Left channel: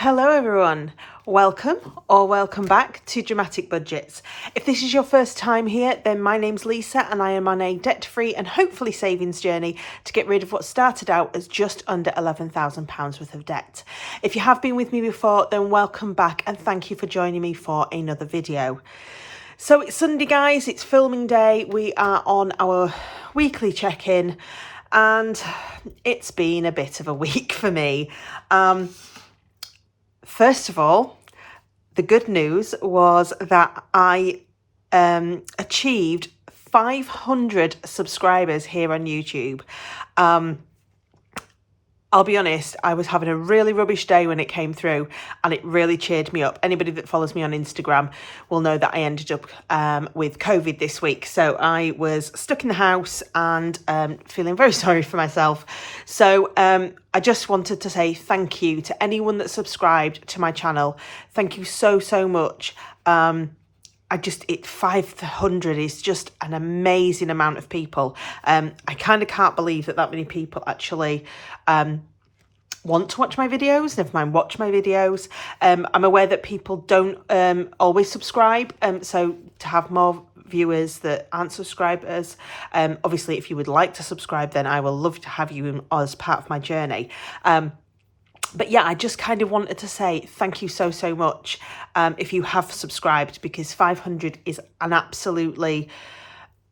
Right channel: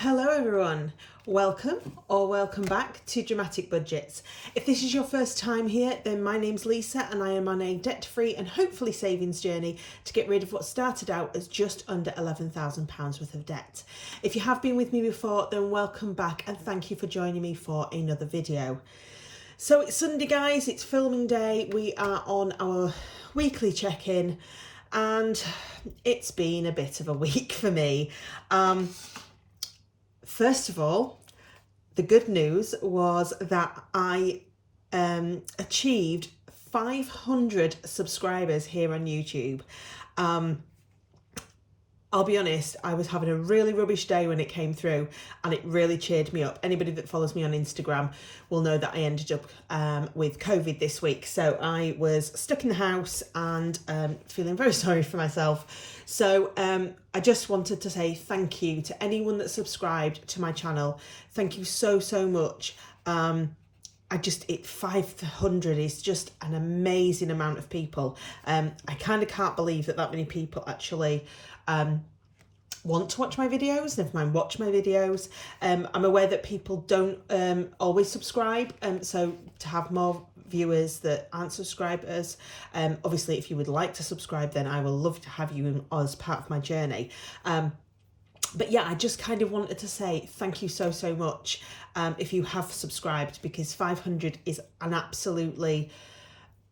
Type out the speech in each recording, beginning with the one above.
Hello everyone, welcome or welcome back to Dramatic Budgets. If this is your first time here, then my name's Lisa and I am on a debt-free and hopefully savings journey to get rid of what started out as just under £11,000 worth of debt. If you have been with me before, then welcome back and thank you for joining me for another video. So it's Sunday guys, it's filming day, we are on our weekly check-in and it's been a bit of a week for me. First of all, the good news was that I achieved 500 subscribers here on YouTube. I'll be honest, I was having a really rubbish day when it came through and it really cheered me up. Anybody that follows me on Instagram will know that I ended up with COVID this week. So I was stuck in the house and feeling very sorry for myself. So I just wanted to say thank you to anyone that subscribed to my channel. Thank you so much. 500 is just an amazing amount of people. I kind of can't believe that many people actually want to watch my videos, never mind watch my videos. I'm aware that people don't always subscribe, so to have more viewers that aren't subscribers, obviously if you would like to subscribe, then I will love to have you as part of my journey. But yeah, I just kind of wanted to say thank you so much if you have subscribed, because 500 is an absolutely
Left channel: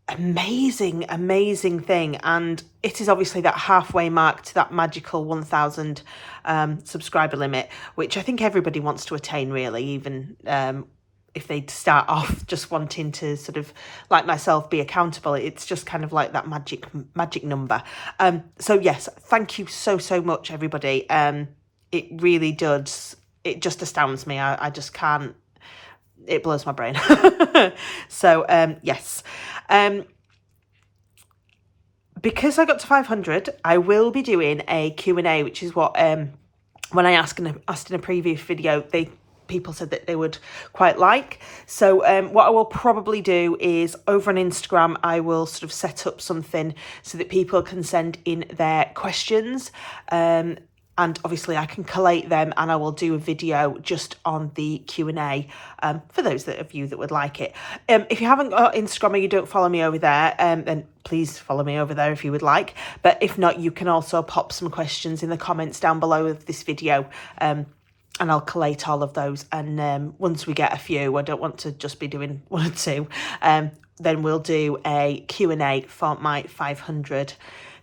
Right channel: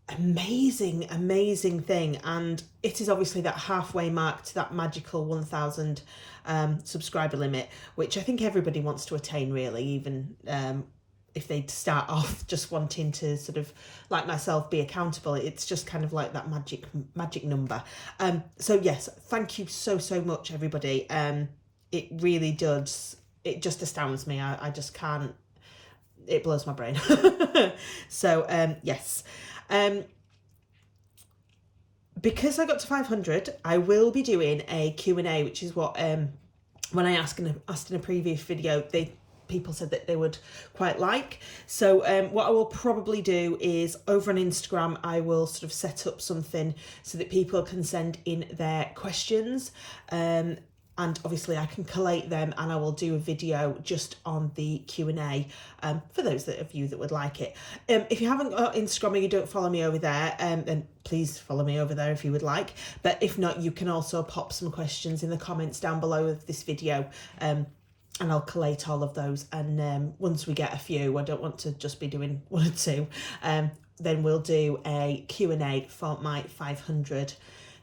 amazing thing, and it is obviously that halfway mark to that magical 1,000 subscriber limit, which I think everybody wants to attain really, even if they start off just wanting to sort of, like myself, be accountable. It's just kind of like that magic number. So yes, thank you so much everybody. It really does, it just astounds me. I just can't, it blows my brain. So yes, because I got to 500, I will be doing a Q&A, which is what when I asked in a previous video, people said that they would quite like. So what I will probably do is over on Instagram, I will sort of set up something so that people can send in their questions. And obviously I can collate them and I will do a video just on the Q&A for those of you that would like it. If you haven't got Instagram or you don't follow me over there, then please follow me over there if you would like. But if not, you can also pop some questions in the comments down below of this video, and I'll collate all of those. And once we get a few, I don't want to just be doing one or two, then we'll do a Q&A for my 500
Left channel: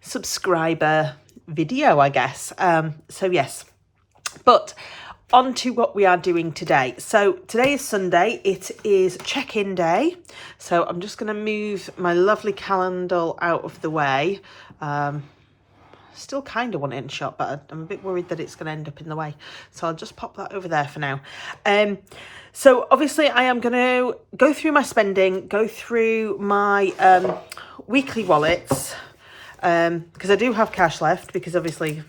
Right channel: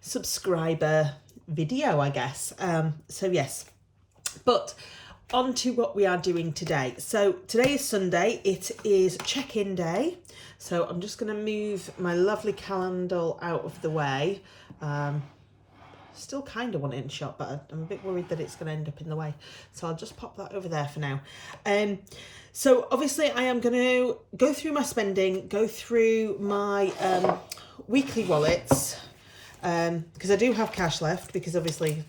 subscriber video, I guess. So yes, but on to what we are doing today. So today is Sunday, it is check-in day, so I'm just going to move my lovely candle out of the way. Still kind of want it in shot, but I'm a bit worried that it's going to end up in the way, so I'll just pop that over there for now. So obviously I am going to go through my spending, go through my weekly wallets, because I do have cash left, because obviously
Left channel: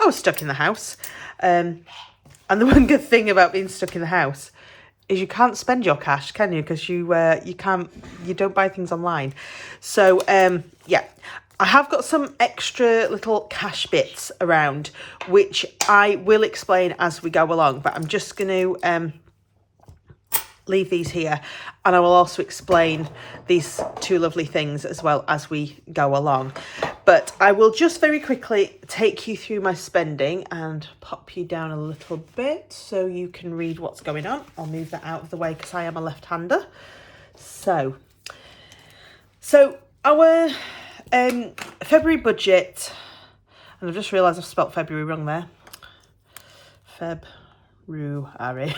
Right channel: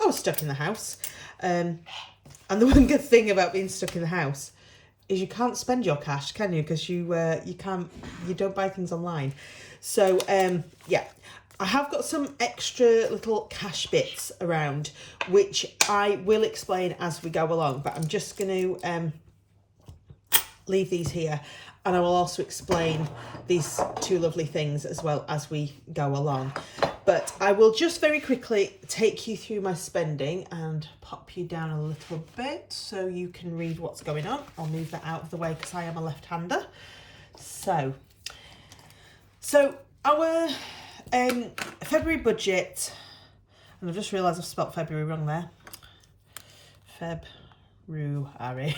I was stuck in the house. And the one good thing about being stuck in the house is you can't spend your cash, can you? Because you don't buy things online. So yeah, I have got some extra little cash bits around, which I will explain as we go along, but I'm just going to leave these here, and I will also explain these two lovely things as well as we go along. But I will just very quickly take you through my spending and pop you down a little bit so you can read what's going on. I'll move that out of the way because I am a left-hander. So our February budget, and I've just realised I've spelt February wrong there. February.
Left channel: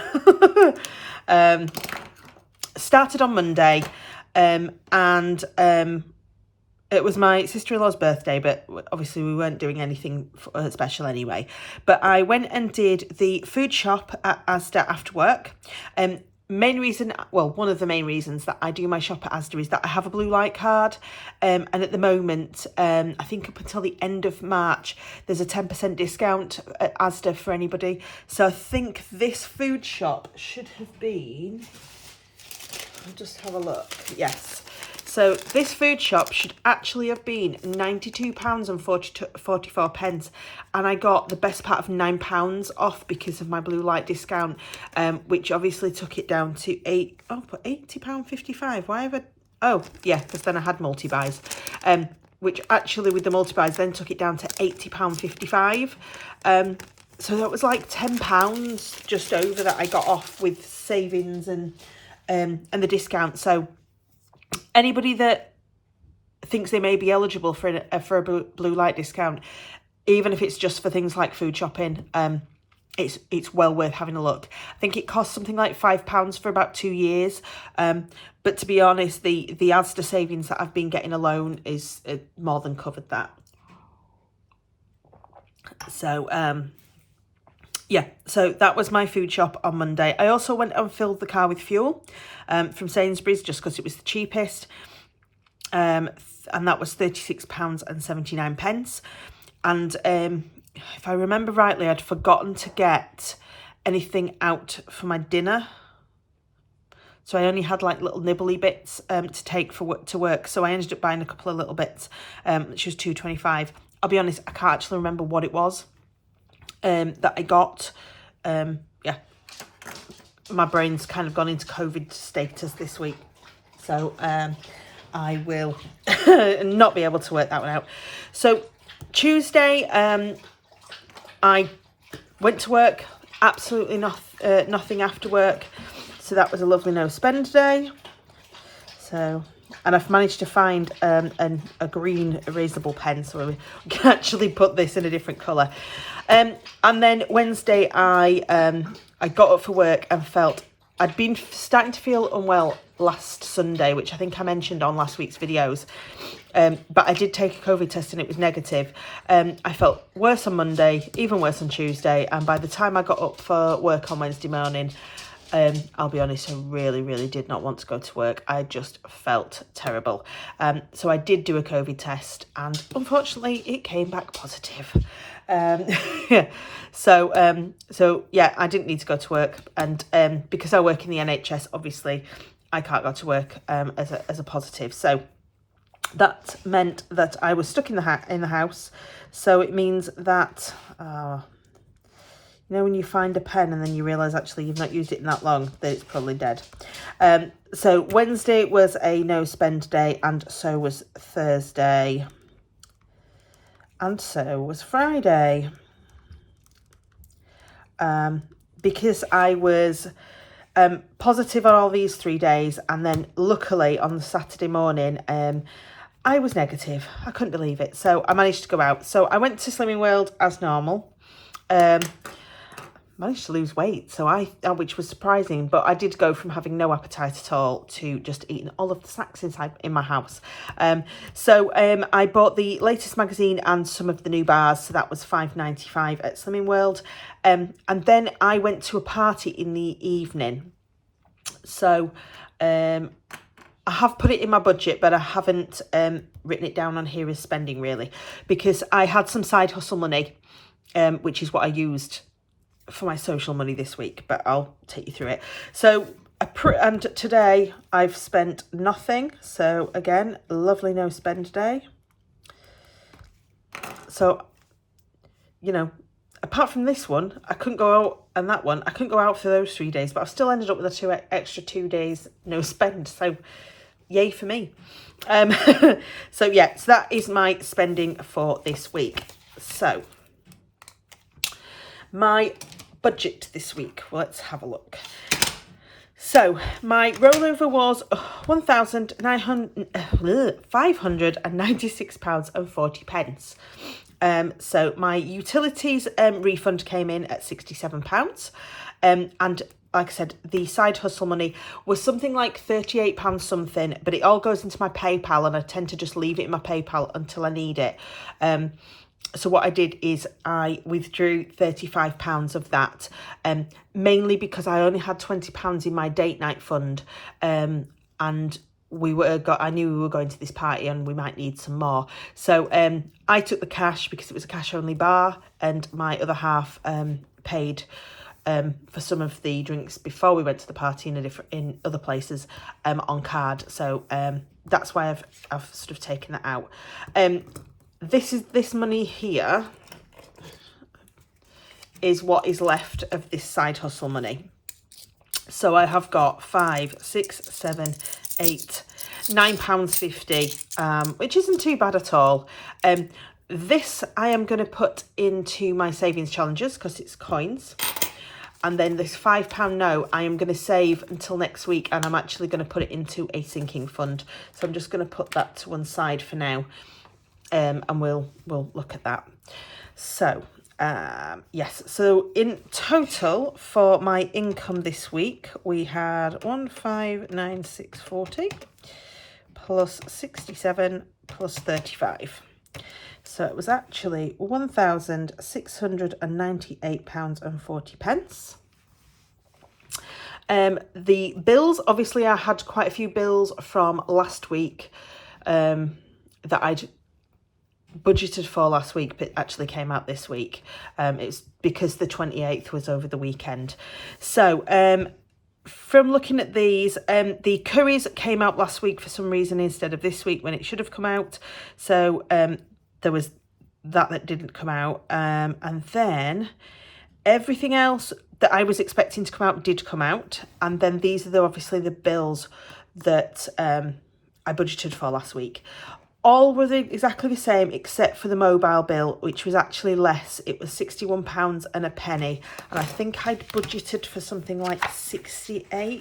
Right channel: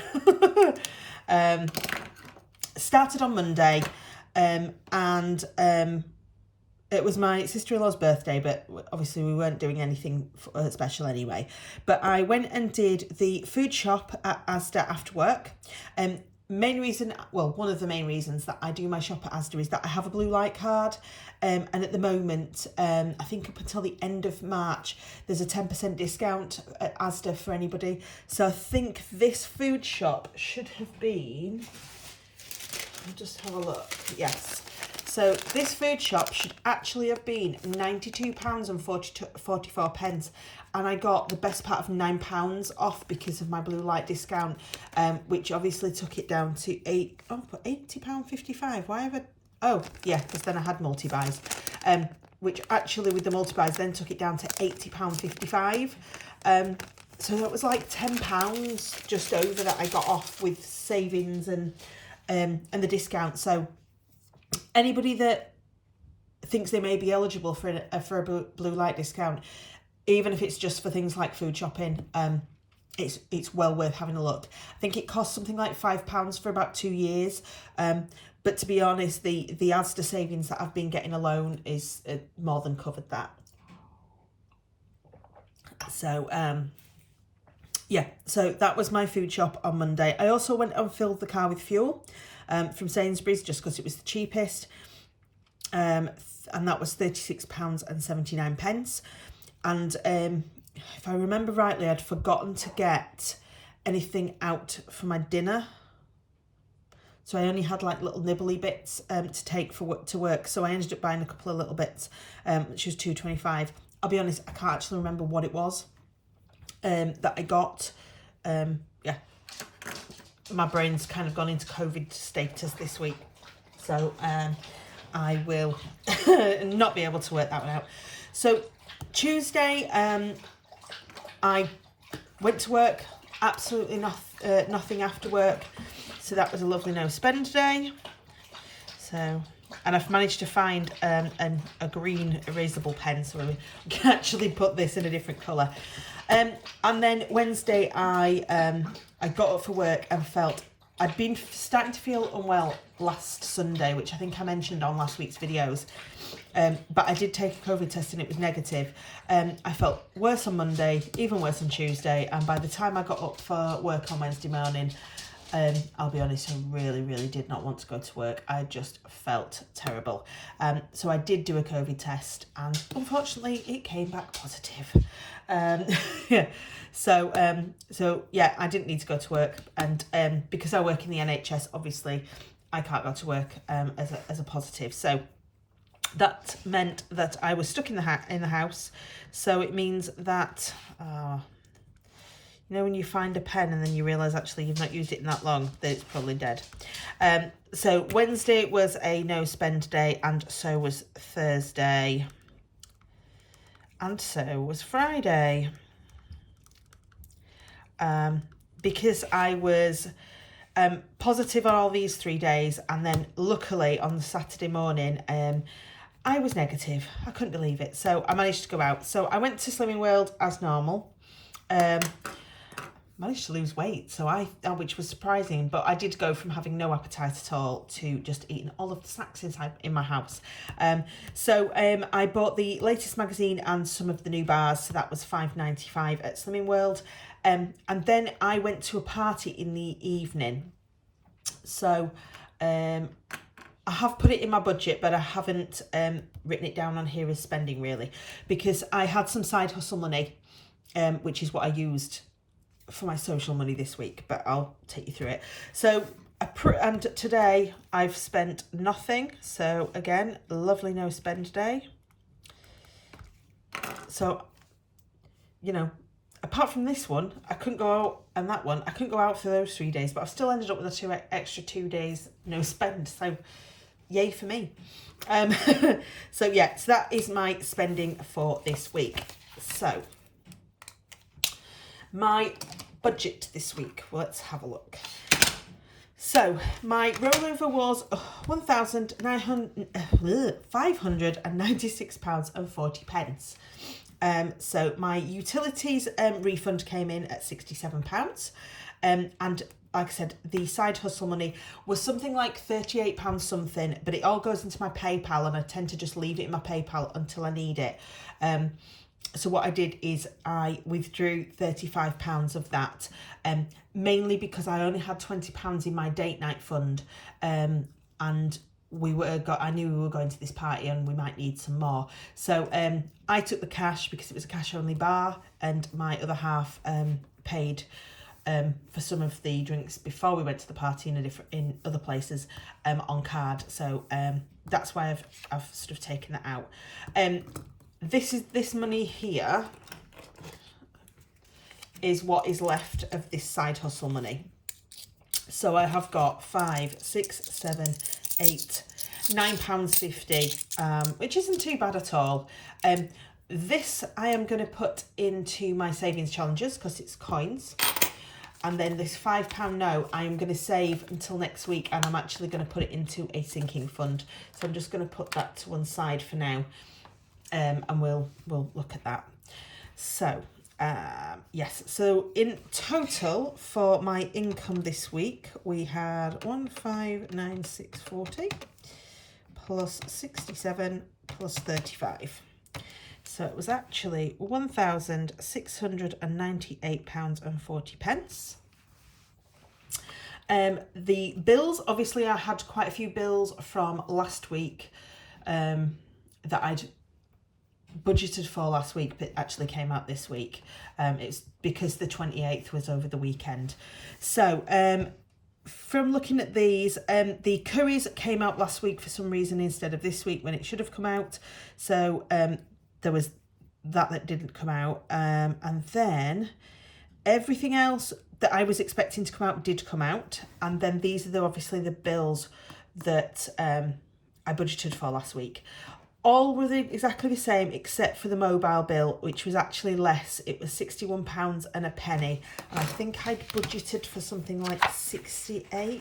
Started on Monday, and it was my sister-in-law's birthday, but obviously we weren't doing anything special anyway. But I went and did the food shop at Asda after work. Main reason, well, one of the main reasons that I do my shop at Asda is that I have a blue light card, and at the moment, I think up until the end of March, there's a 10% discount at Asda for anybody. So I think this food shop should have been, I'll just have a look, yes. So this food shop should actually have been £92.44, and I got the best part of £9 off because of my blue light discount, which obviously took it down to £80.55. Why have I... Oh, yeah, because then I had multi-buys, which actually with the multi-buys then took it down to £80.55. So that was like £10 just over that I got off with savings and the discount. So anybody that thinks they may be eligible for a blue light discount, even if it's just for things like food shopping, it's well worth having a look. I think it costs something like £5 for about 2 years. But to be honest, the Asda savings that I've been getting alone is more than covered that. So, yeah, so that was my food shop on Monday. I also went and filled the car with fuel from Sainsbury's just because it was the cheapest. And that was £36.79. And if I remember rightly, I'd forgotten to get anything out for my dinner. So I only had like little nibbly bits to take to work. So I ended up buying a couple of little bits, which was £2.25. I'll be honest, I can't actually remember what it was that I got. Yeah, my brain's kind of gone into COVID status this week. So I will not be able to work that one out. So Tuesday, I went to work, absolutely nothing after work. So that was a lovely no spend day. So, and I've managed to find a green erasable pen, so we can actually put this in a different colour. And then Wednesday, I got up for work and felt I'd been starting to feel unwell last Sunday, which I think I mentioned on last week's videos. But I did take a COVID test and it was negative. I felt worse on Monday, even worse on Tuesday. And by the time I got up for work on Wednesday morning, I'll be honest, I really, really did not want to go to work. I just felt terrible. So I did do a COVID test and unfortunately it came back positive. Yeah. So yeah, I didn't need to go to work, and because I work in the NHS, obviously I can't go to work as a positive. So that meant that I was stuck in the house. So it means that you know when you find a pen and then you realise actually you've not used it in that long, that it's probably dead. So Wednesday was a no spend day, and so was Thursday, and so was Friday. Because I was positive on all these 3 days, and then luckily on the Saturday morning I was negative. I couldn't believe it. So I managed to go out. So I went to Slimming World as normal. Managed to lose weight, which was surprising, but I did go from having no appetite at all to just eating all of the snacks in my house. So I bought the latest magazine and some of the new bars, so that was £5.95 at Slimming World. And then I went to a party in the evening. So I have put it in my budget, but I haven't written it down on here as spending really, because I had some side hustle money, which is what I used for my social money this week, but I'll take you through it. So and today I've spent nothing. So again, lovely no spend day. So, you know, apart from this one, I couldn't go out, and that one, I couldn't go out for those 3 days, but I've still ended up with extra 2 days no spend. So yay for me. So yeah, so that is my spending for this week. So my budget this week, well, let's have a look. So my rollover was £596.40. So my utilities refund came in at £67. And like I said, the side hustle money was something like £38 something, but it all goes into my PayPal, and I tend to just leave it in my PayPal until I need it. So what I did is I withdrew £35 of that, mainly because I only had £20 in my date night fund, and I knew we were going to this party and we might need some more. So I took the cash because it was a cash only bar, and my other half paid for some of the drinks before we went to the party in other places on card. So that's why I've sort of taken that out. This money here is what is left of this side hustle money. So I have got £5, 6, 7, 8, £9.50, which isn't too bad at all. This I am going to put into my savings challenges because it's coins. And then this £5 note I am going to save until next week, and I'm actually going to put it into a sinking fund. So I'm just going to put that to one side for now, and we'll look at that. So yes, so in total for my income this week, we had 1,596.40 plus 67 plus 35. So it was actually £1,698.40. The bills, obviously I had quite a few bills from last week that I'd budgeted for last week, but actually came out this week. It's because the 28th was over the weekend. So from looking at these, the curries came out last week for some reason instead of this week when it should have come out. So there was that didn't come out, and then everything else that I was expecting to come out did come out. And then these are obviously the bills that I budgeted for last week. All were exactly the same except for the mobile bill, which was actually less. It was £61 and a penny, and I think I'd budgeted for something like 68.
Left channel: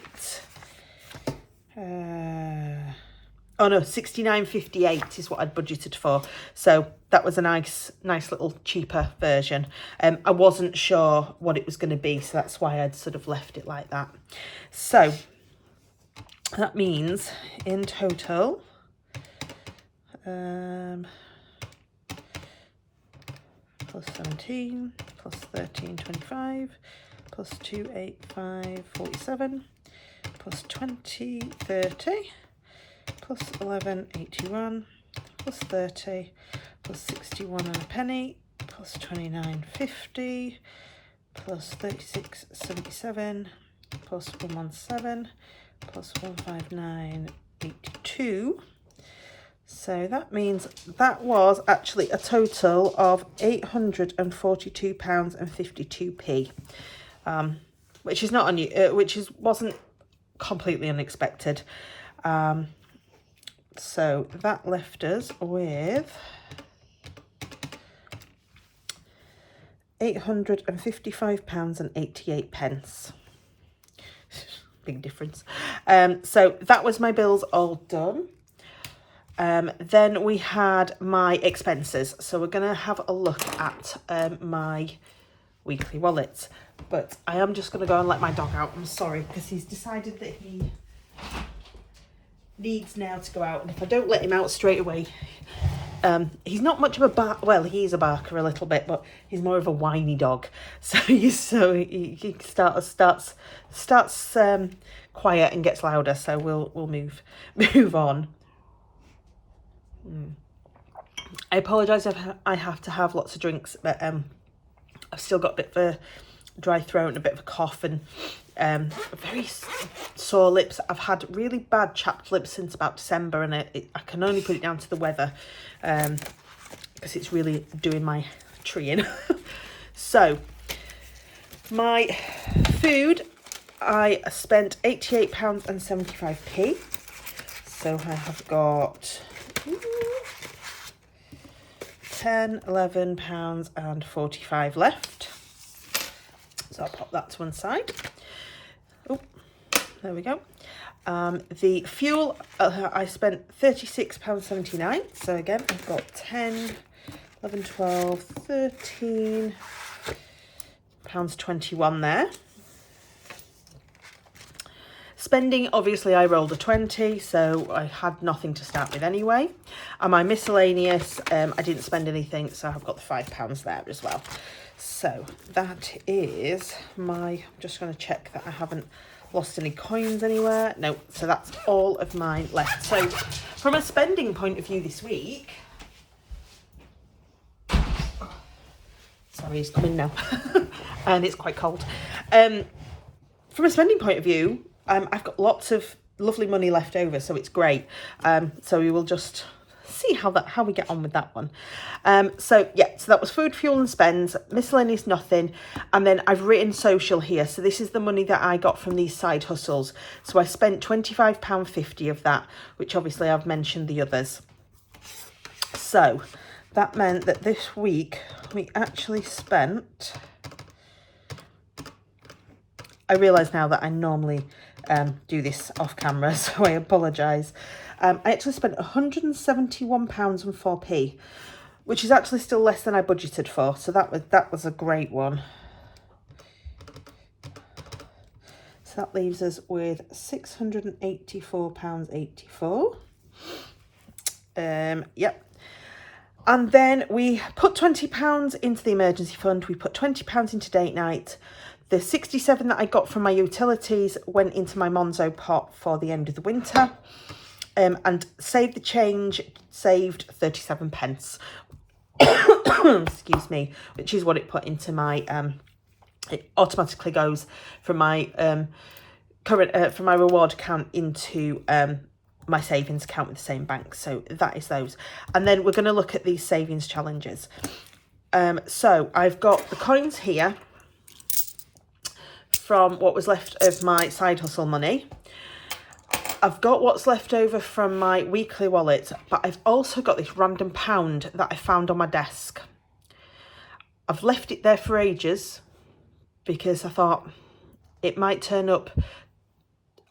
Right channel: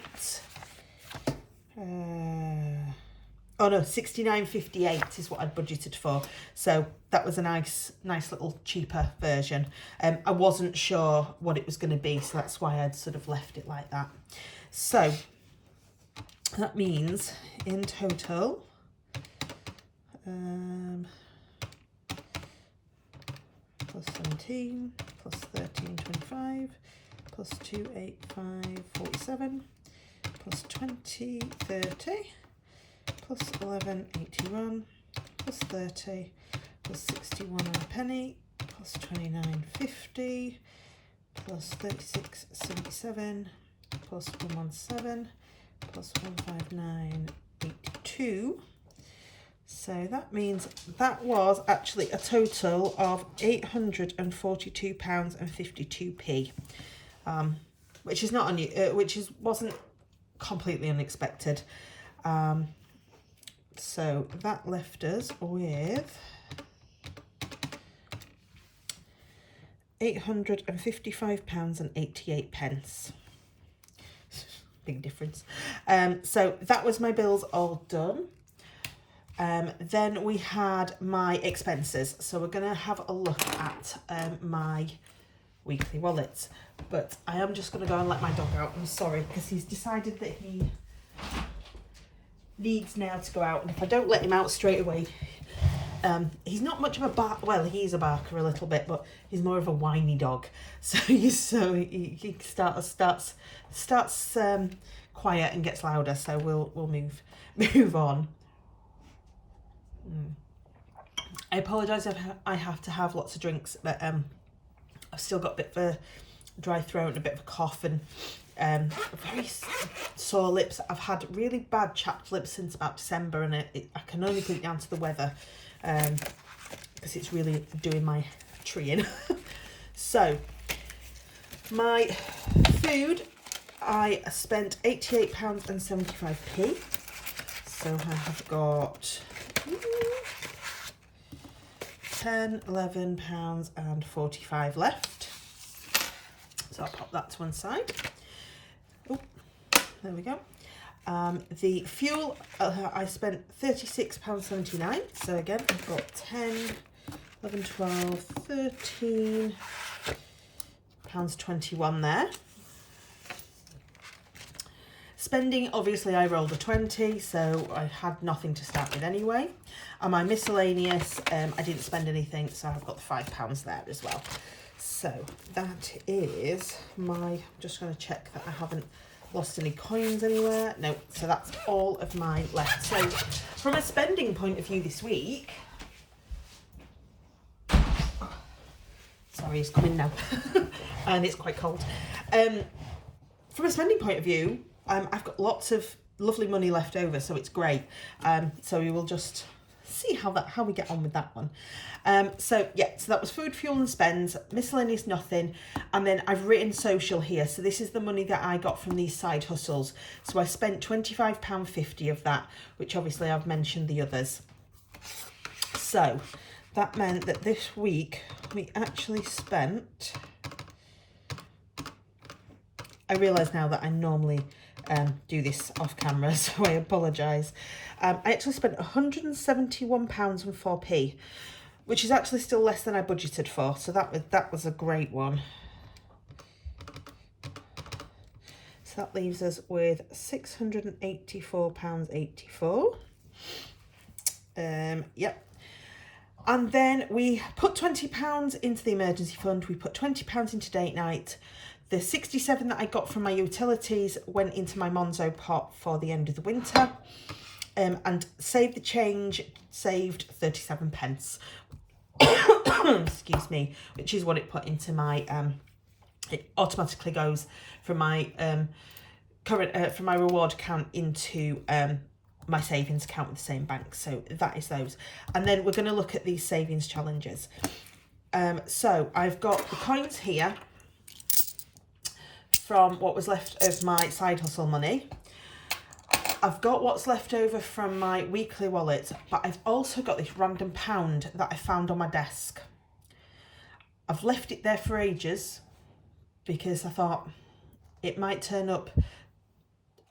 Oh no, 69.58 is what I'd budgeted for. So that was a nice little cheaper version. I wasn't sure what it was going to be, so that's why I'd sort of left it like that. So that means in total, plus 17, plus 13, 25, plus 2, 8, 5, 47, plus 20, 30, plus 11, 81, plus 30, plus 61 and a penny, plus 29, 50, plus 36, 77, plus 117, plus 159, 82. So that means that was actually a total of £842.52p, which is not wasn't completely unexpected. So that left us with £855.88. Big difference. So that was my bills all done. Then we had my expenses. So we're going to have a look at my weekly wallet. But I am just going to go and let my dog out. I'm sorry, because he's decided that he needs now to go out. And if I don't let him out straight away, he's not much of a bark. Well, he is a barker a little bit, but he's more of a whiny dog. So he starts quiet and gets louder. So we'll move on. I apologise if I have to have lots of drinks, but I've still got a bit of a dry throat and a bit of a cough and very sore lips. I've had really bad chapped lips since about December, and I can only put it down to the weather because it's really doing my tree in. So my food, I spent £88.75. So I have got £10, £11.45 left. So I'll pop that to one side. Oh, there we go. The fuel, I spent £36.79. So again, I've got 10, 11, 12, 13 pounds 21 there. Spending, obviously I rolled a 20, so I had nothing to start with anyway. And my miscellaneous, I didn't spend anything, so I've got the £5 there as well. So that is my, I'm just going to check that I haven't lost any coins anywhere. No, so that's all of my left. So from a spending point of view this week, sorry, he's coming now, and it's quite cold. From a spending point of view, I've got lots of lovely money left over, so it's great. So we will just see how we get on with that one. So that was food, fuel and spends, miscellaneous nothing, and then I've written social here. So this is the money that I got from these side hustles. So I spent £25.50 of that, which obviously I've mentioned the others. So that meant that this week we actually spent, I realise now that I normally do this off camera, so I apologise. I actually spent £171.04, which is actually still less than I budgeted for, so that was a great one. So that leaves us with £684.84. Yep. And then we put £20 into the emergency fund. We put £20 into date night. The 67 that I got from my utilities went into my Monzo pot for the end of the winter. And Save the Change saved 37 pence. Excuse me, which is what it put into my, it automatically goes from my current, from my reward account into my savings account with the same bank. So that is those. And then we're going to look at these savings challenges. So I've got the coins here from what was left of my side hustle money. I've got what's left over from my weekly wallet, but I've also got this random pound that I found on my desk. I've left it there for ages because I thought it might turn up.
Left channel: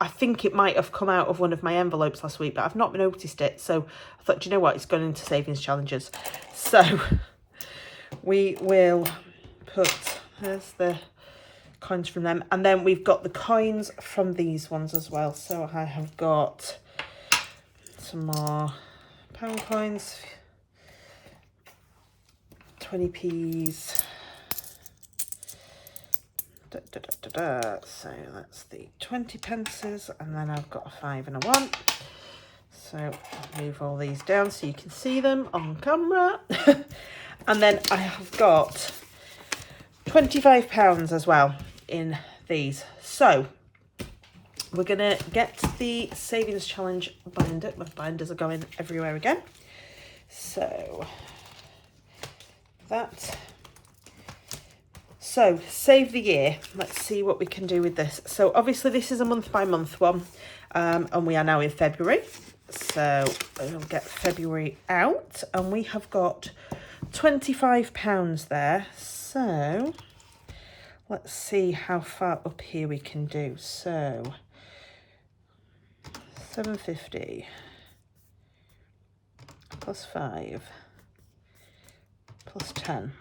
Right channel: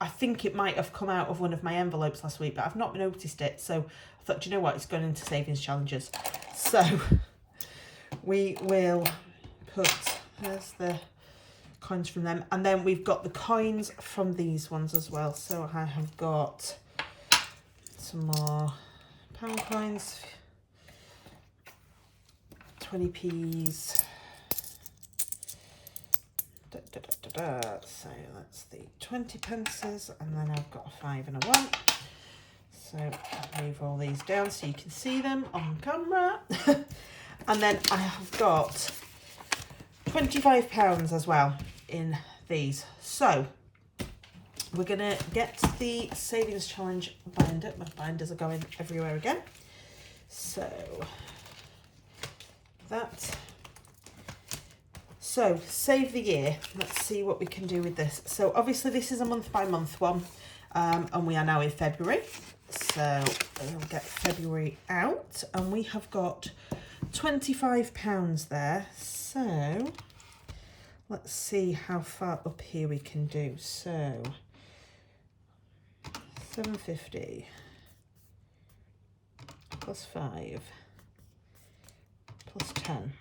I think it might have come out of one of my envelopes last week, but I've not noticed it. So I thought, do you know what? It's gone into savings challenges. So we will put, there's the coins from them. And then we've got the coins from these ones as well. So I have got some more pound coins, 20p's. So that's the 20 pences, and then I've got a 5 and a 1. So I'll move all these down so you can see them on camera. And then I have got £25 as well in these. So we're gonna get the savings challenge binder. My binders are going everywhere again. So that. So, save the year. Let's see what we can do with this. So, obviously, this is a month-by-month one, and we are now in February. So, we'll get February out, and we have got £25 there. So, let's see how far up here we can do. So, 750 plus 5 plus 10.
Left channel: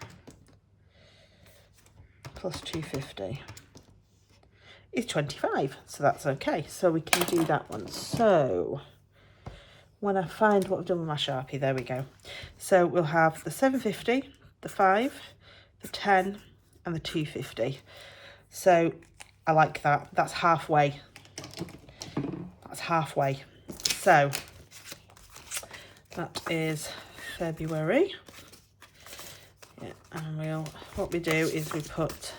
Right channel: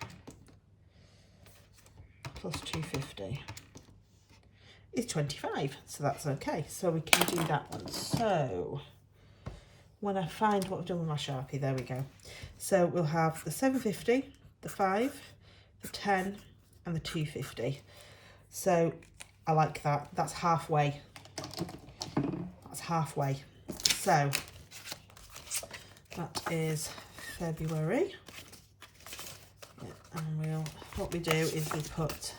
Plus 250 is 25, so that's okay. So we can do that one. So when I find what I've done with my Sharpie, there we go. So we'll have the 750, the 5, the 10 and the 250. So I like that. That's halfway. That's halfway. So that is February. Yeah, and what we do is we put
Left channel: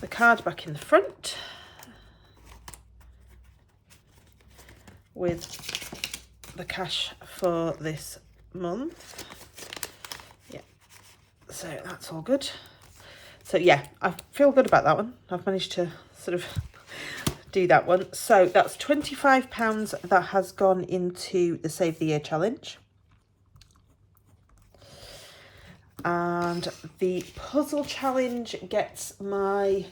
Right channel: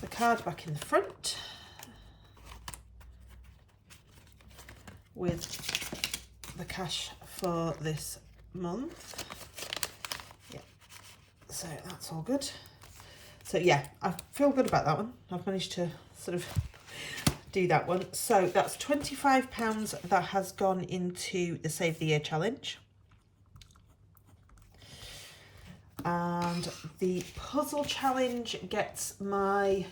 the card back in the front with the cash for this month. Yeah, so that's all good. So yeah, I feel good about that one. I've managed to sort of do that one. So that's £25 that has gone into the Save the Year challenge. And the puzzle challenge gets my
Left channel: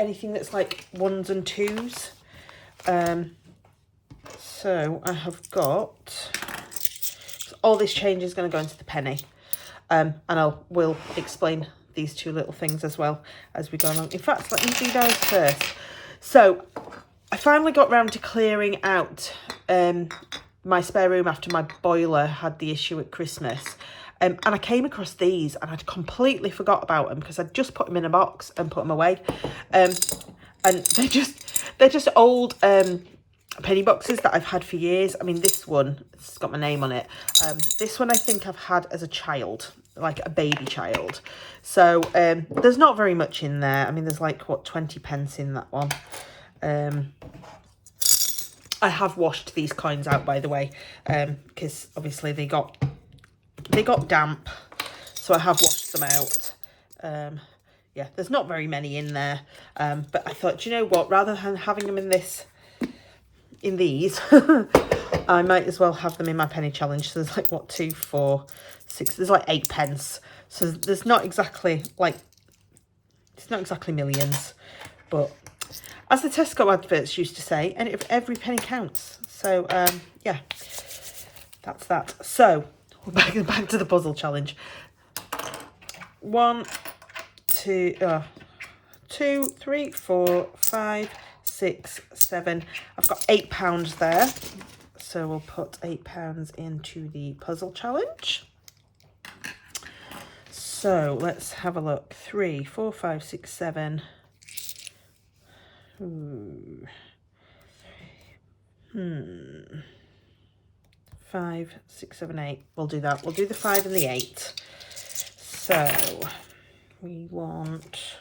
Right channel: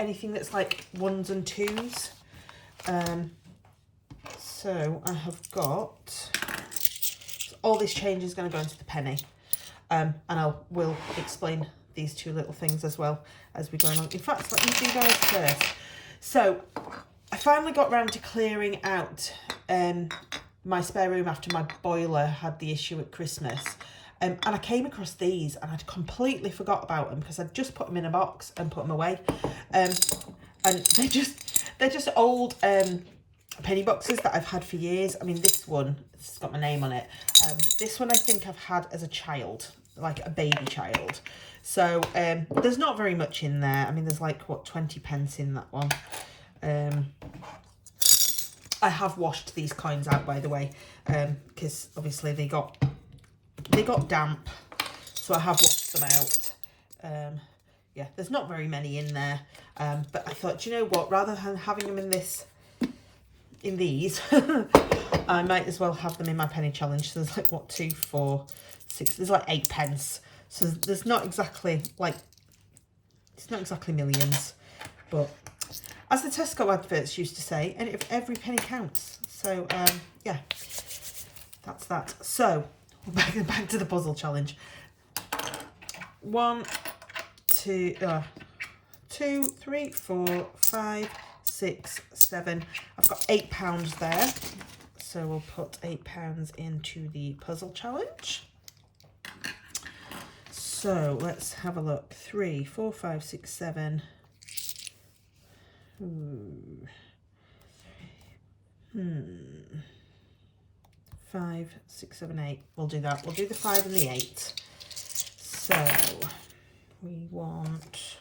anything that's like 1s and 2s. So I have got, all this change is going to go into the penny, and we'll explain these two little things as well as we go along. In fact, let me do those first. So I finally got round to clearing out my spare room after my boiler had the issue at Christmas. And I came across these and I'd completely forgot about them because I'd just put them in a box and put them away. And they're just old penny boxes that I've had for years. I mean, this one, it's got my name on it. This one I think I've had as a child, like a baby child. So there's not very much in there. I mean, there's like, what, 20 pence in that one. I have washed these coins out, by the way, because obviously they got damp, so I have washed them out. Yeah, there's not very many in there, but I thought, do you know what, rather than having them in these, I might as well have them in my penny challenge. So there's like, what, 2, 4, 6, there's like 8 pence. So there's not exactly like, it's not exactly millions, but as the Tesco adverts used to say, and if every penny counts. So yeah, that's that. So back to the puzzle challenge. 1, 2, 3, 4, 5, 6, 7. I've got £8 there. So we'll put £8 into the puzzle challenge. So let's have a look. 3, 4, 5, 6, 7. 5, 6, 7, 8. We'll do that. We'll do the 5 and the 8. So we want,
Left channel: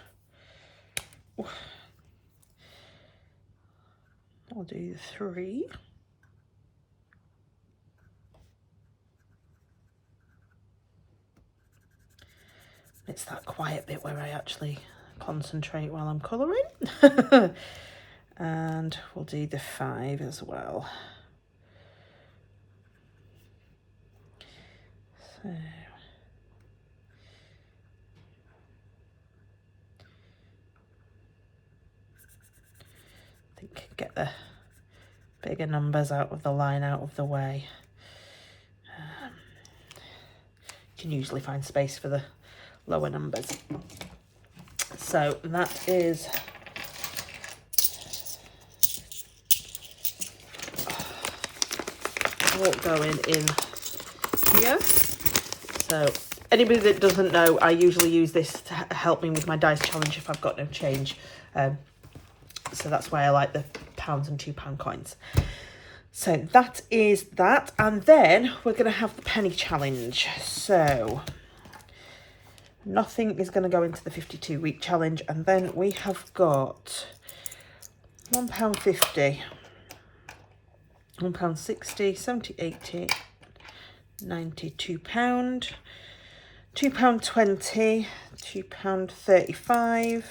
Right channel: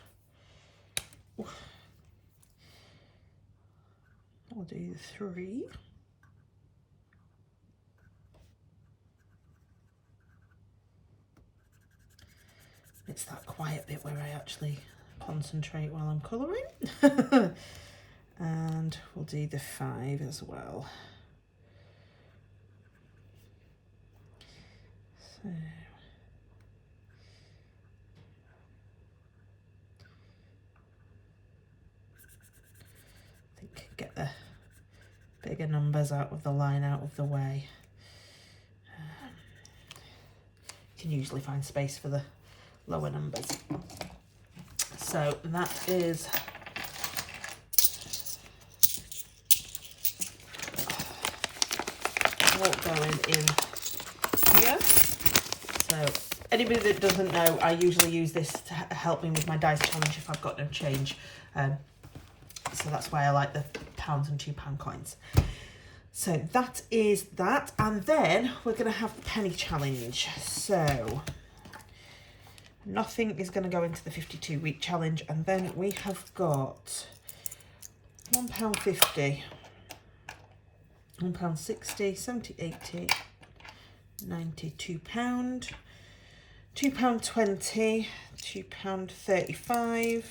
I'll do the 3. It's that quiet bit where I actually concentrate while I'm colouring. And we'll do the 5 as well. So I think get the bigger numbers out of the line out of the way. You can usually find space for the lower numbers. So that is all going in here. So anybody that doesn't know, I usually use this to help me with my dice challenge if I've got no change. So that's why I like the £1 and £2 coins. So that is that. And then we're going to have the penny challenge. So nothing is going to go into the 52-week challenge. And then we have got £1.50, £1.60, 70, 80, £92, £2.20, £2.35,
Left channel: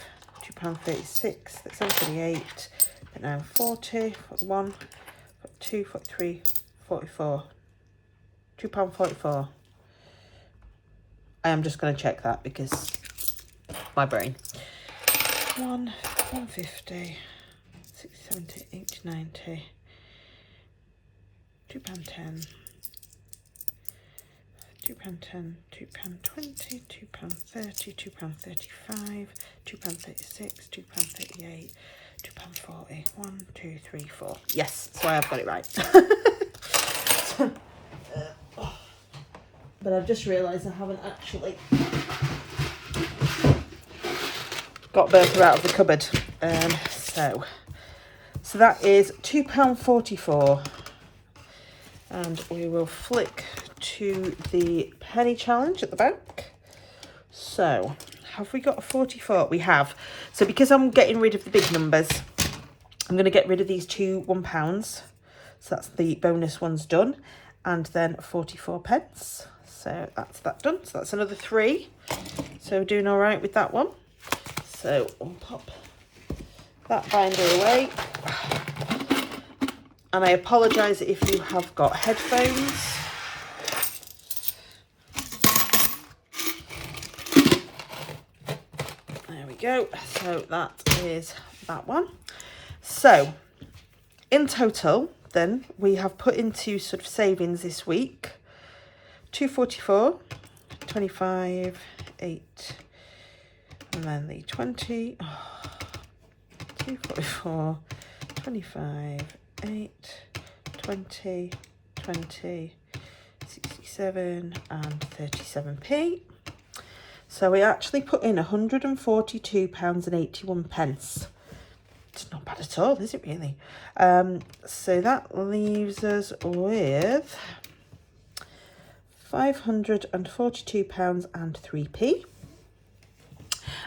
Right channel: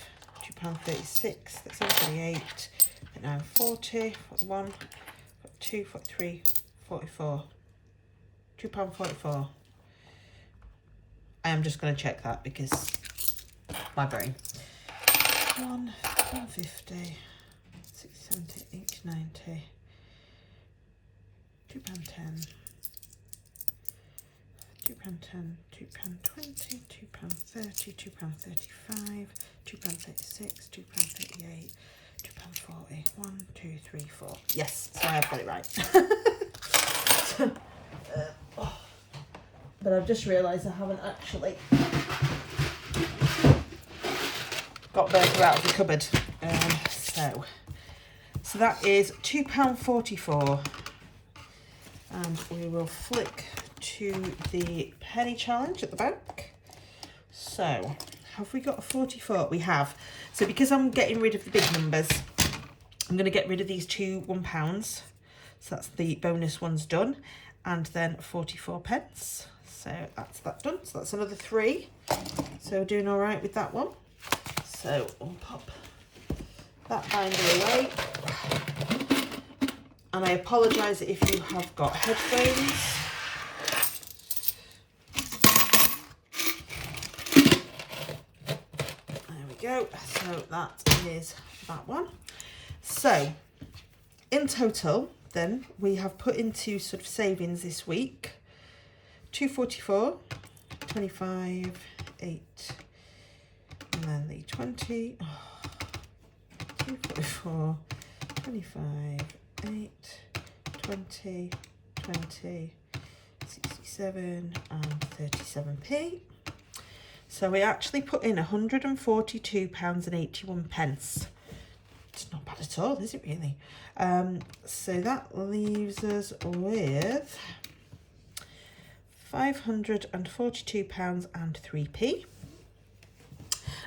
£2.36, £38, but now 40, 41, 42, 43, 44, £2.44. I am just going to check that because my brain. 150, 60, 70, 80, 90, £2.10, £2.10, £2.20, £2.30, £2.35, £2.36, £2.38, £2.40, 1, 2, 3, 4. Yes, so I have got it right. But I've just realised I haven't actually got Bertha out of the cupboard. So that is £2.44. And we will flick to the penny challenge at the back. So have we got a 44? We have. So because I'm getting rid of the big numbers, I'm going to get rid of these two £1. So that's the bonus ones done. And then 44 pence. So that's that done. So that's another 3. So we're doing all right with that one. So we'll pop that binder away. And I apologise if you have got headphones. There we go. So that is that one. So in total, then we have put into sort of savings this week, 244, 25, 8, and then the 20, 244, 25, 8, 20, 20, 67 and 37p. So we actually put in £142.81. It's not bad at all, is it really? So that leaves us with £542 and 3p.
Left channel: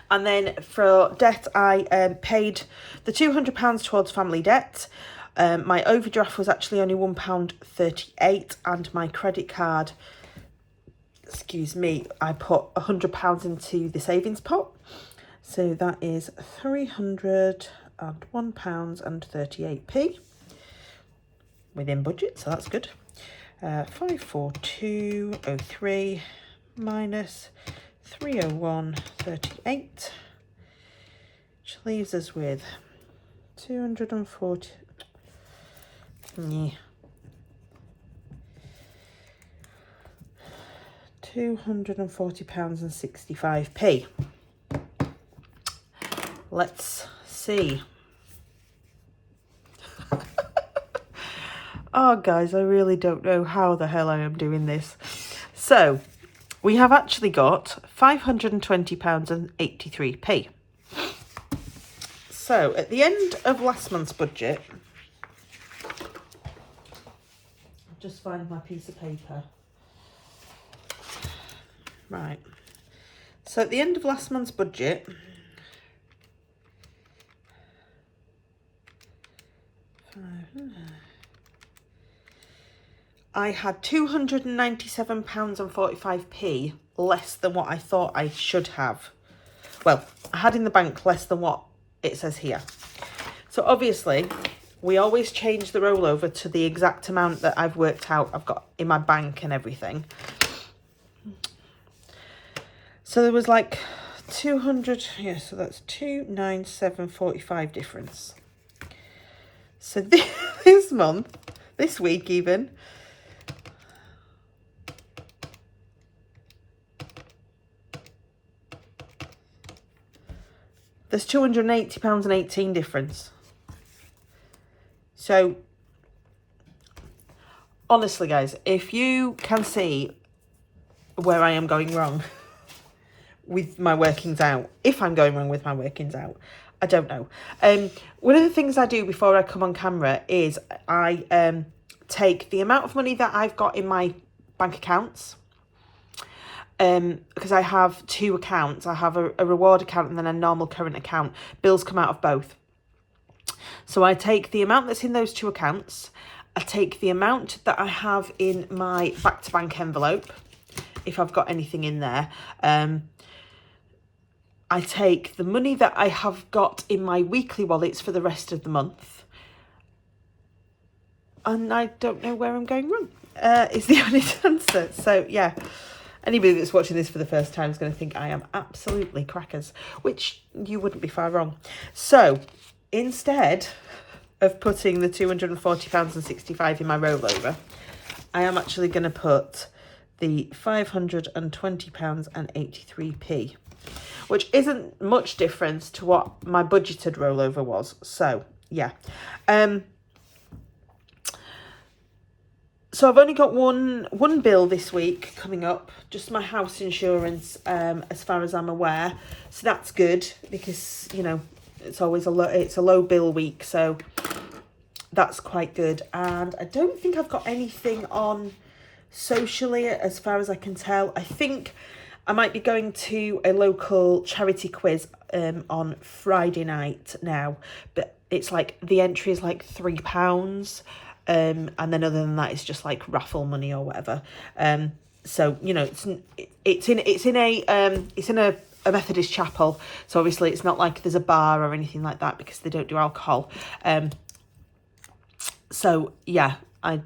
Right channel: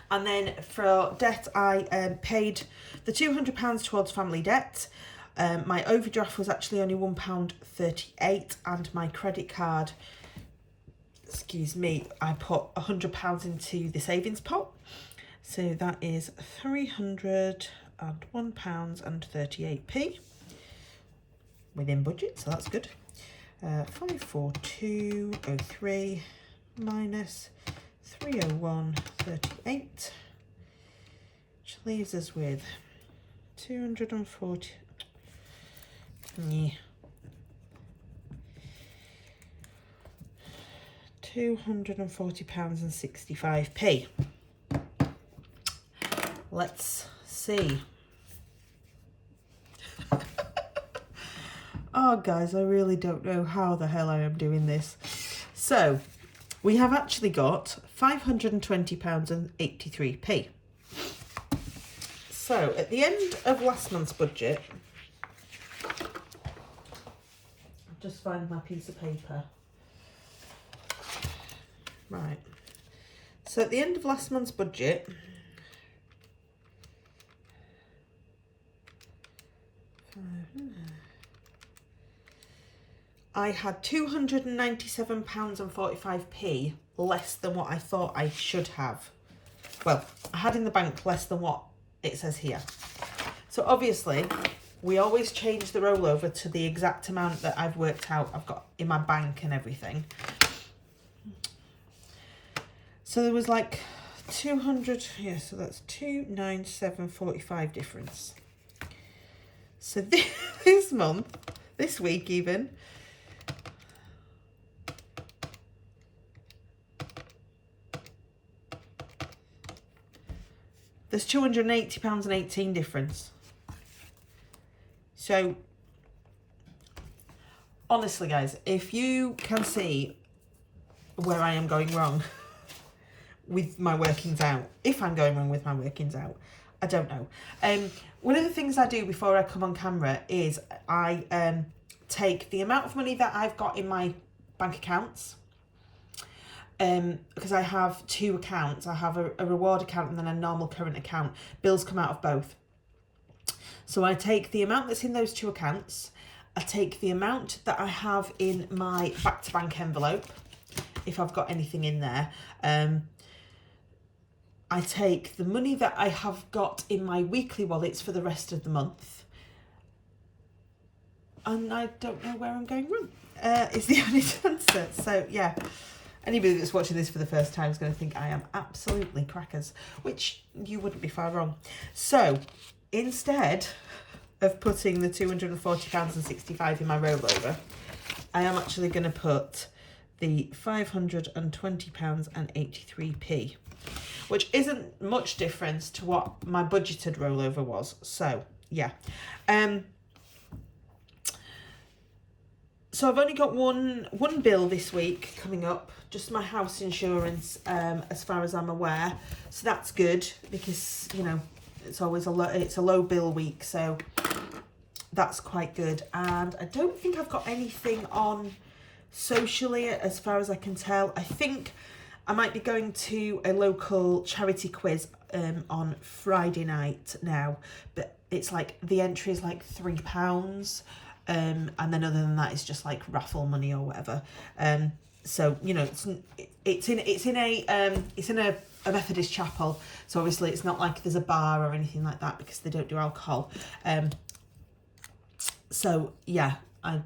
And then for debt, I paid the £200 towards family debt. My overdraft was actually only £1.38, and my credit card, excuse me, I put £100 into the savings pot. So that is £301.38 within budget, so that's good. 542.03 minus 301.38, which leaves us with 240. £240.65. Let's see. Oh, guys, I really don't know how the hell I am doing this. So, we have actually got £520.83. So, at the end of last month's budget, I'll just find my piece of paper. Right. So, at the end of last month's budget, I had £297.45 less than what I thought I should have. Well, I had in the bank less than what it says here. So obviously, we always change the rollover to the exact amount that I've worked out I've got in my bank and everything. So there was like 200, yeah, so that's 297.45 difference. So this month, this week even, there's £280.18 difference. So, honestly, guys, if you can see where I am going wrong with my workings out, if I'm going wrong with my workings out, I don't know. One of the things I do before I come on camera is I take the amount of money that I've got in my bank accounts, because I have two accounts. I have a reward account and then a normal current account. Bills come out of both. So I take the amount that's in those two accounts. I take the amount that I have in my back to bank envelope, if I've got anything in there. I take the money that I have got in my weekly wallets for the rest of the month. And I don't know where I'm going wrong, is the honest answer. So, yeah. Anybody that's watching this for the first time is going to think I am absolutely crackers, which you wouldn't be far wrong. So, instead of putting the £240.65 in my rollover, I am actually going to put the £520.83, which isn't much difference to what my budgeted rollover was. So, yeah. So I've only got one bill this week coming up, just my house insurance, as far as I'm aware. So that's good because, you know, it's always a low bill week, so that's quite good. And I don't think I've got anything on socially as far as I can tell. I think I might be going to a local charity quiz on Friday night now, but it's like the entry is like £3. And then other than that, it's just like raffle money or whatever. So, you know, it's in a Methodist chapel. So obviously it's not like there's a bar or anything like that because they don't do alcohol. So yeah, I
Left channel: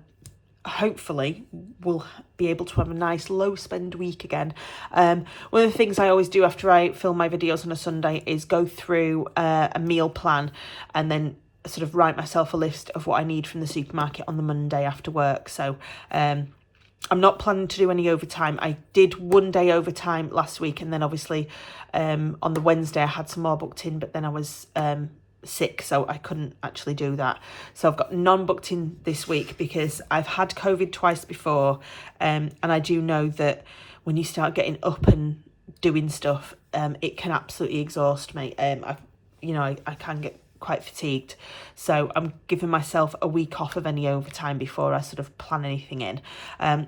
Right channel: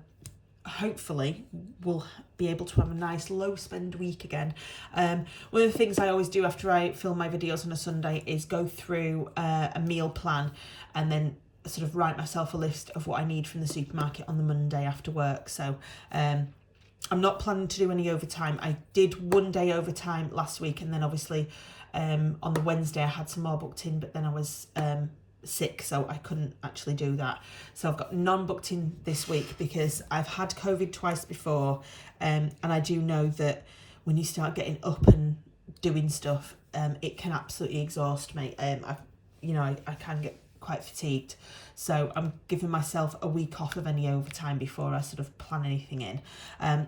hopefully will be able to have a nice low spend week again. One of the things I always do after I film my videos on a Sunday is go through a meal plan and then sort of write myself a list of what I need from the supermarket on the Monday after work. So I'm not planning to do any overtime. I did one day overtime last week, and then obviously on the Wednesday I had some more booked in, but then I was sick, so I couldn't actually do that. So I've got none booked in this week because I've had COVID twice before, and I do know that when you start getting up and doing stuff, it can absolutely exhaust me. I can get quite fatigued, so I'm giving myself a week off of any overtime before I sort of plan anything in.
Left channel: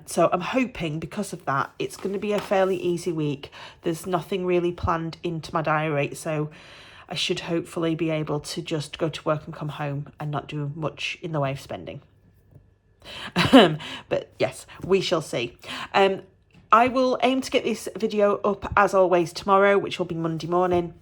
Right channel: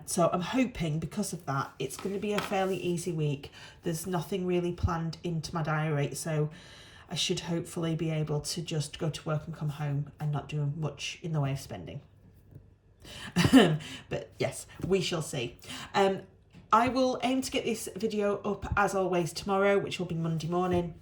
So I'm hoping because of that it's going to be a fairly easy week. There's nothing really planned into my diary, so I should hopefully be able to just go to work and come home and not do much in the way of spending. But yes, we shall see. I will aim to get this video up as always tomorrow, which will be Monday morning.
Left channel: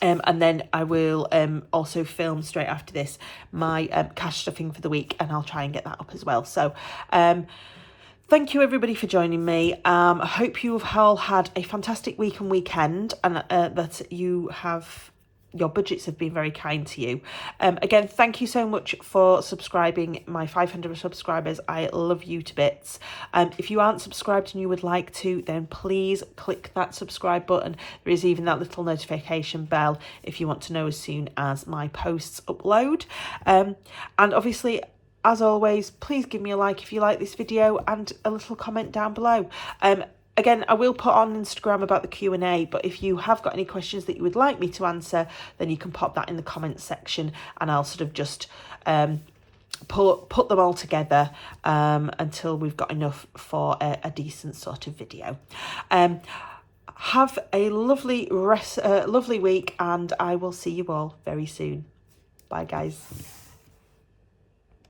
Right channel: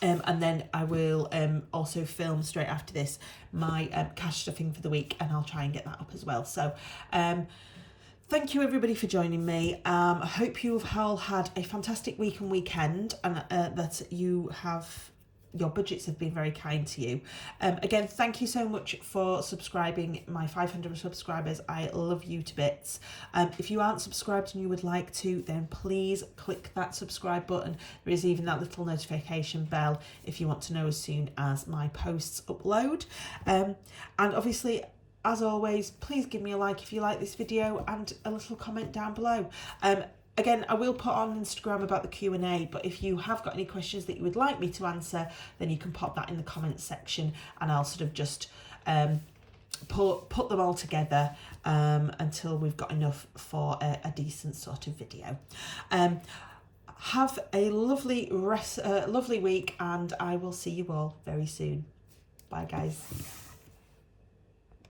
And then I will also film straight after this my cash stuffing for the week, and I'll try and get that up as well. So thank you everybody for joining me. I hope you've all had a fantastic week and weekend, and that your budgets have been very kind to you. Again, thank you so much for subscribing, my 500 subscribers. I love you to bits. If you aren't subscribed and you would like to, then please click that subscribe button. There is even that little notification bell if you want to know as soon as my posts upload. And obviously, as always, please give me a like if you like this video and a little comment down below. Again, I will put on Instagram about the Q&A, but if you have got any questions that you would like me to answer, then you can pop that in the comments section, and I'll sort of just put them all together until we've got enough for a decent sort of video. Have a lovely week, and I will see you all very soon. Bye, guys.